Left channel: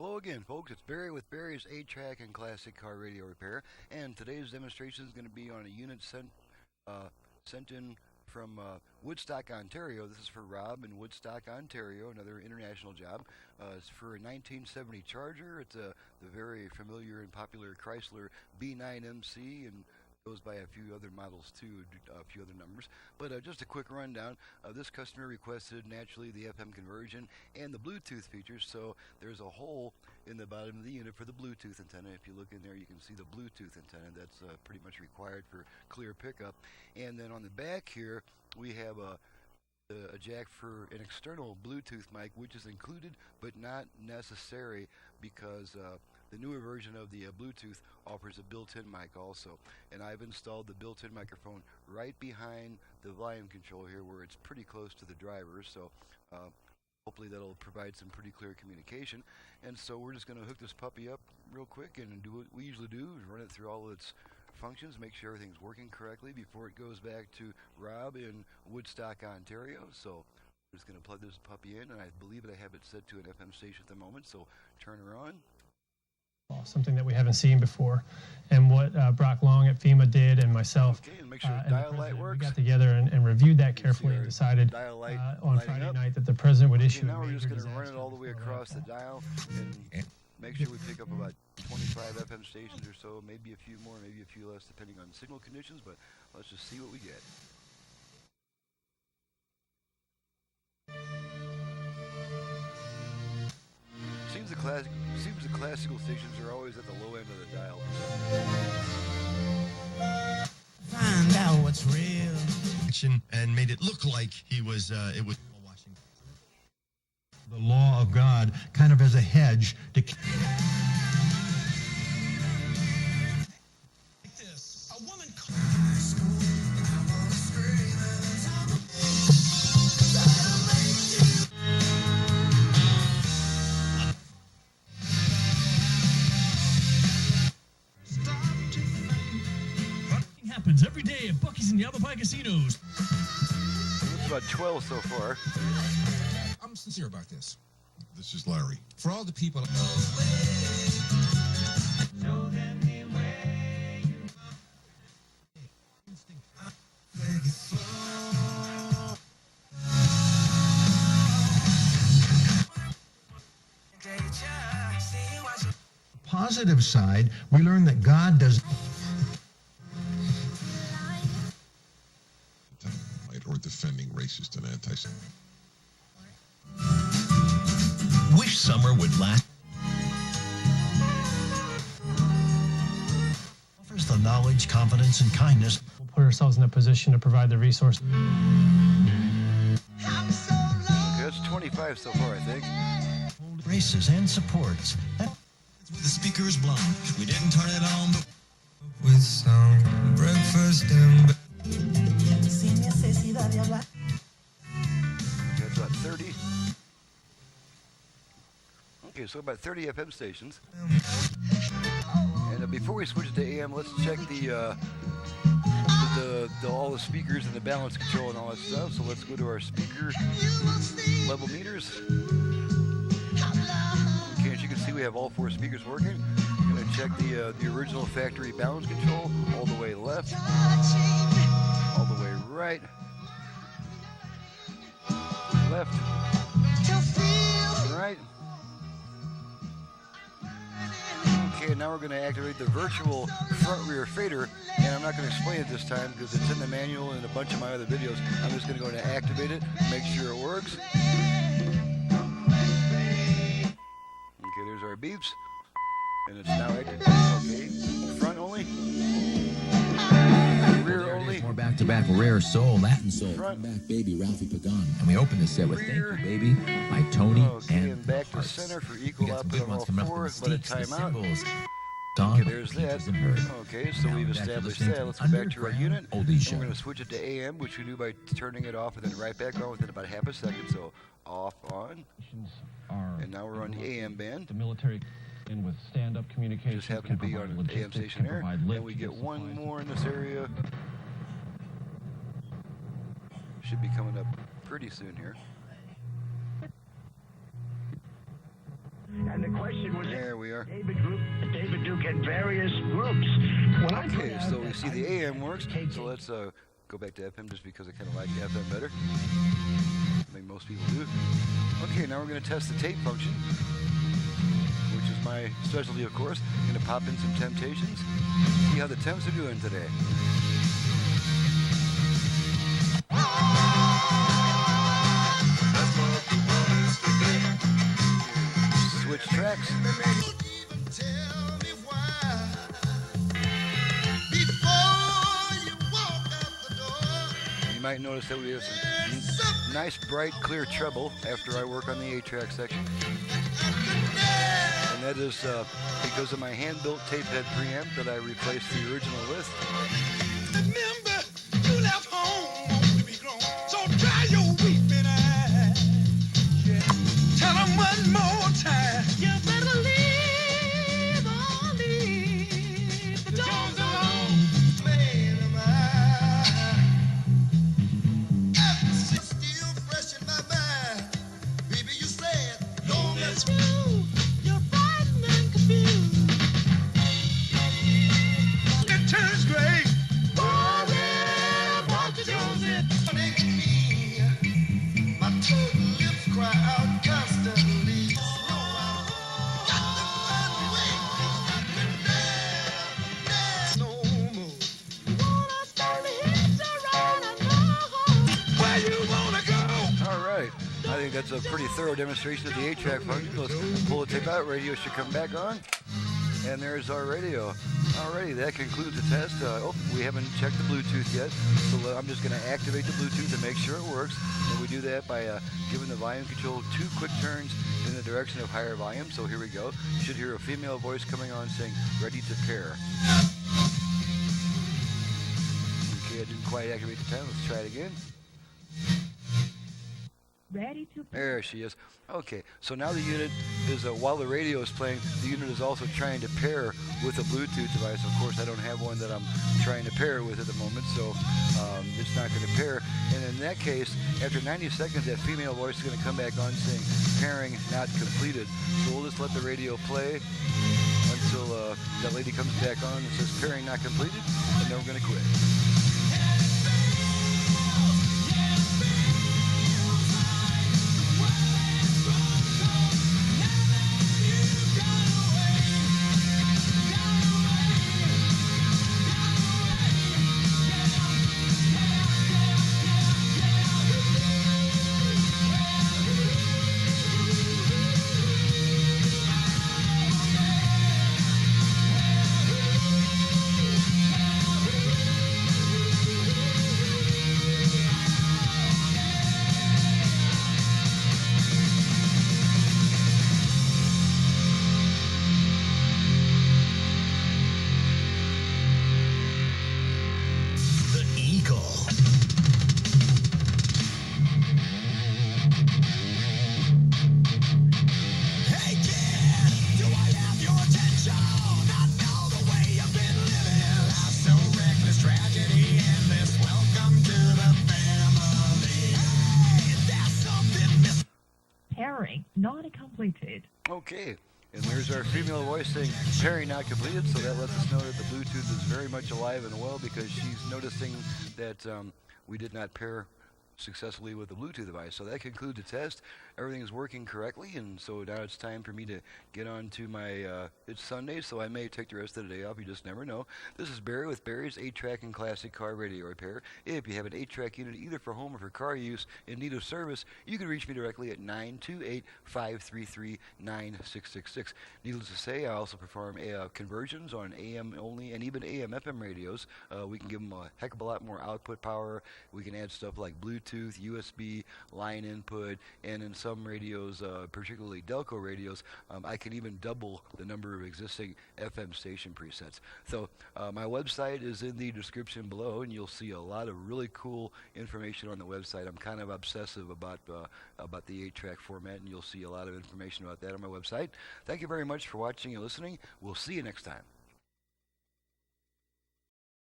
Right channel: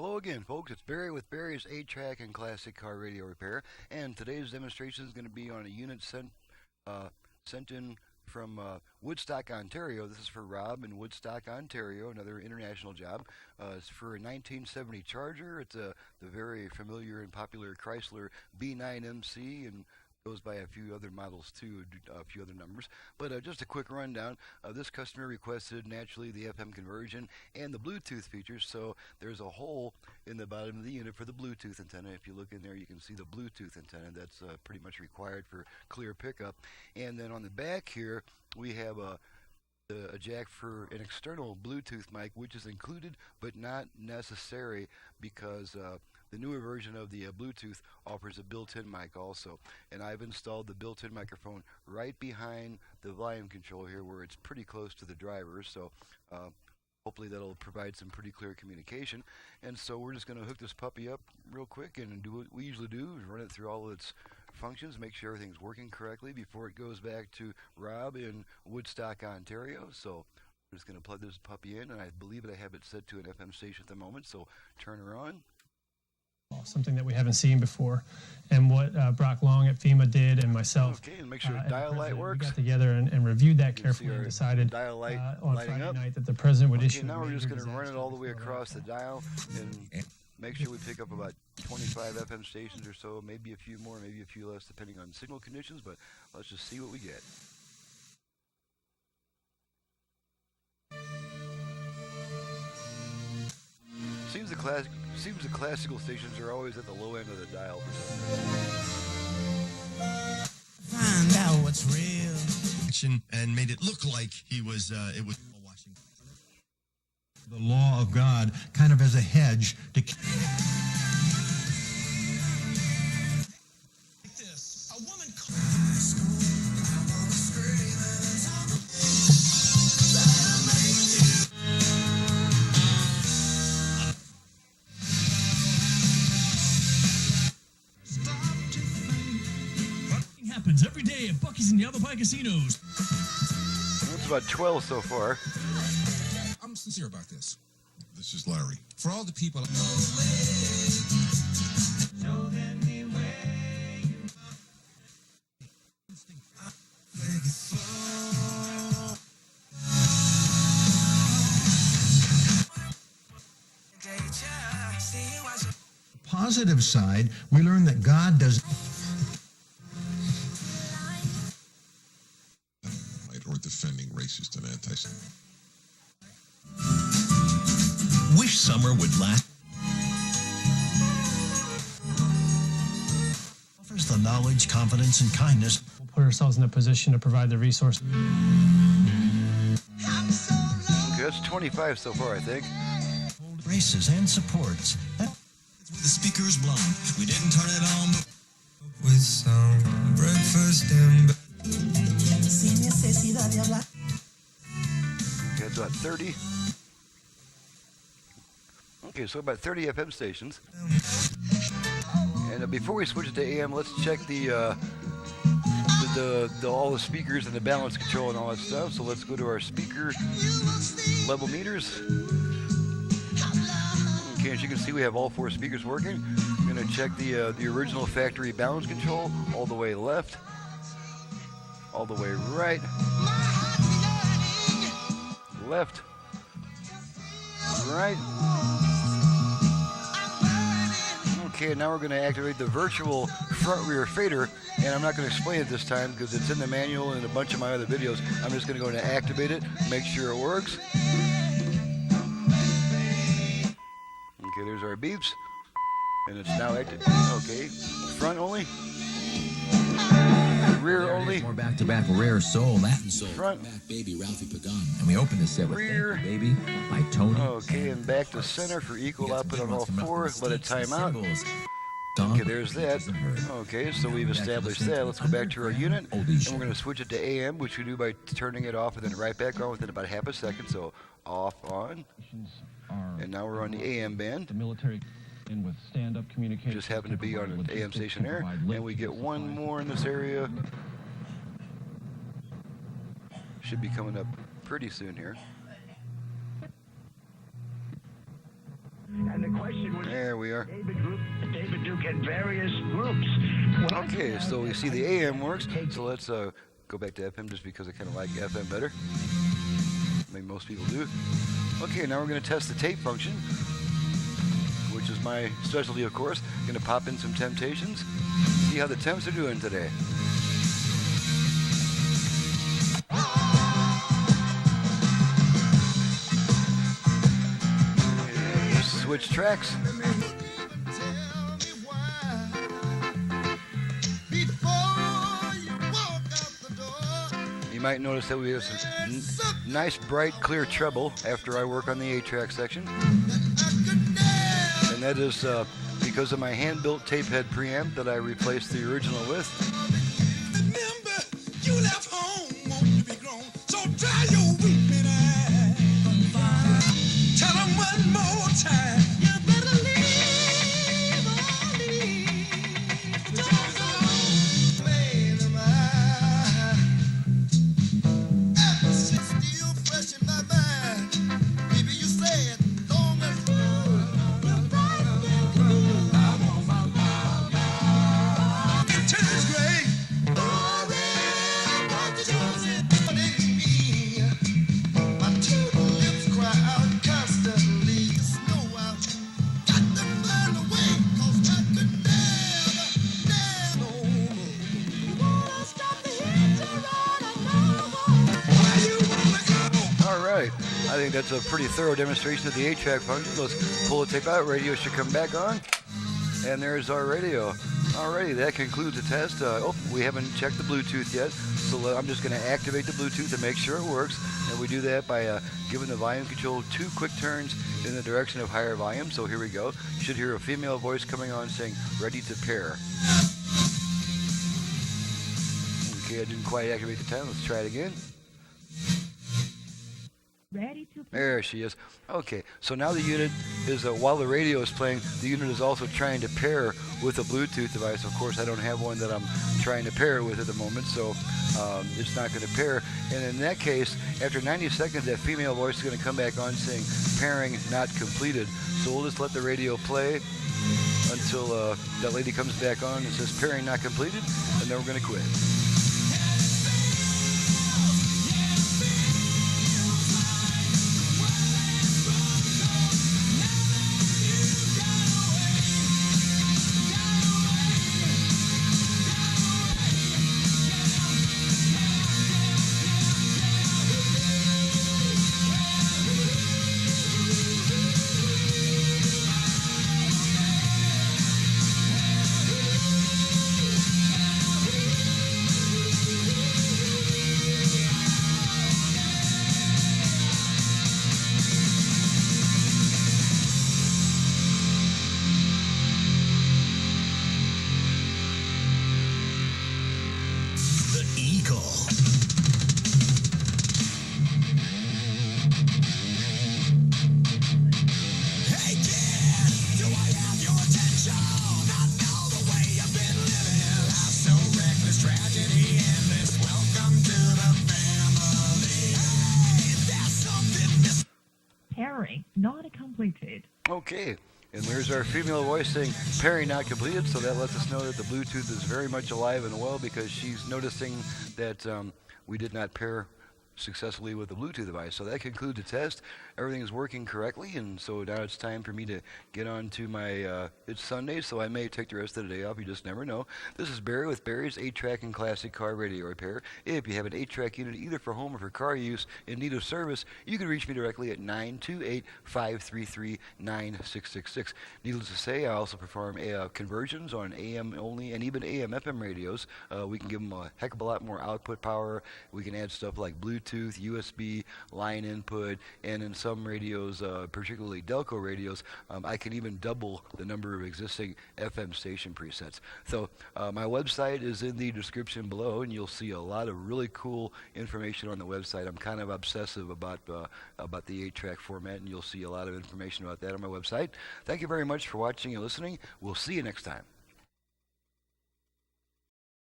Hello again, folks. It's Barry with Barry's 8-track and classic car radio repair, and today's demonstration is going to be on a unit sent in from Woodstock, Ontario. This is for Rob in Woodstock, Ontario, another international job. It's for a 1970 Charger. It's the very familiar and popular Chrysler B9MC, and goes by a few other models too, a few other numbers. But just a quick rundown. This customer requested naturally the FM conversion and the Bluetooth features, so there's a hole in the bottom of the unit for the Bluetooth antenna. If you look in there, you can see the Bluetooth antenna. That's pretty much required for clear pickup. And then on the back here, we have a jack for an external Bluetooth mic, which is included but not necessary because the newer version of the Bluetooth offers a built-in mic also. And I've installed the built-in microphone right behind the volume control here where it's pretty close to the driver, so hopefully that'll provide some pretty clear communication. And so we're just going to hook this puppy up real quick and do what we usually do, is run it through all of its functions, make sure everything's working correctly before it goes back to Rob in Woodstock, Ontario. So I'm just going to plug this puppy in, and I believe I have it set to an FM station at the moment, so turn her on. Something that we haven't seen before, and what Brock Long at FEMA did, and myself. Okay, and make sure the dial light works. Together and reviewed that carefully. You can see our dial light lighting up. Okay, now we're just going to run it all the way across the dial and make sure we pick up about 25 FM stations or so, maybe a few more, maybe a few less, depending on signal conditions, but let's just see what we get. Seems the classical stations are always at the low end of the dial for some reason. Now what's real? And made it look like it was the law of God, kind of as a hedge to. Every day at Buc-ee's and Yavapai casinos. It's about 12 so far. I'm sincere about this. This is Larry. For all the people. Positive side, we learn that God does. Defending racist and anti-Semitic. Wish summer would last. First, the knowledge, confidence, and kindness. Put ourselves in a position to provide the resource. Okay, that's 25 so far, I think. Races and supports. The speaker's blown. We didn't turn it on. With some breakfast. Okay, that's about 30. Okay, so about 30 FM stations. And before we switch to AM, let's check all the speakers and the balance control and all that stuff. So let's go to our speaker level meters. Okay, as you can see, we have all 4 speakers working. I'm going to check the original factory balance control all the way left, all the way right, left, right. Okay, now we're going to activate the virtual front rear fader, and I'm not going to explain it this time because it's in the manual and a bunch of my other videos. I'm just going to go and activate it, make sure it works. Okay, there's our beeps, and it's now active. Okay, front only, rear only. Back-to-back rare soul, Latin soul. Front. Back baby Ralphie Pagan. And the open is Rear. Baby by Tony. Okay, and back to center for equal output on all 4. Let it time out. Okay, there's that. Okay, so we've established that. Let's go back to our unit, and we're going to switch it to AM, which we do by turning it off and then right back on within about half a second. So off, on. And now we're on the AM band. Just happen to be on an AM station there. And we get one more in this area. Should be coming up pretty soon here. And the question Okay, so we see the AM works. So let's go back to FM just because I kind of like FM better. I think most people do. Okay, now we're going to test the tape function, which is my specialty, of course. Going to pop in some Temptations, see how the temps are doing today. Switch tracks. You might notice that we have some nice, bright, clear treble after I work on the 8-track section. And that is because of my hand-built tape head preamp that I replaced the original with. Alright, I think that's a pretty thorough demonstration of the 8-track function. Let's pull the tape out, radio should come back on, and there's our radio. Alrighty, that concludes the test. We haven't checked the Bluetooth yet, so I'm just going to activate the Bluetooth and make sure it works, and we do that by giving the volume control 2 quick turns in the direction of higher volume. So here we go. You should hear a female voice coming on saying, ready to pair. Okay, I didn't quite activate the time. Let's try it again. There she is. Okay, so now the unit is, while the radio is playing, the unit is also trying to pair with a Bluetooth device. Of course, I don't have one that I'm trying to pair it with at the moment, so it's not going to pair. And in that case, after 90 seconds, that female voice is going to come back on saying, pairing not completed. So we'll just let the radio play until that lady comes back on and says, pairing not completed, and then we're going to quit. Okay, and there's our female voice saying pairing not completed, so that lets us know that the Bluetooth is very much alive and well because she's noticing that we did not pair successfully with the Bluetooth device. So that concludes the test. Everything is working correctly, and so now it's time for me to get on to my, it's Sunday, so I may take the rest of the day off. You just never know. This is Barry with Barry's 8-track and classic car radio repair. If you have an 8-track unit either for home or for car use in need of service, you can reach me directly at 928-533-9666. Needless to say, I also perform conversions on AM only and even AM/FM radios. We can give them a heck of a lot more output power. We can add stuff like Bluetooth, USB, line input, and in some radios, particularly Delco radios, I can even double the number of existing FM station presets. So my website is in the description below, and you'll see a lot of really cool information on the website. I'm kind of obsessive about the 8-track format, and you'll see a lot of information about that on my website. Thank you very much for watching and listening. We'll see you next time.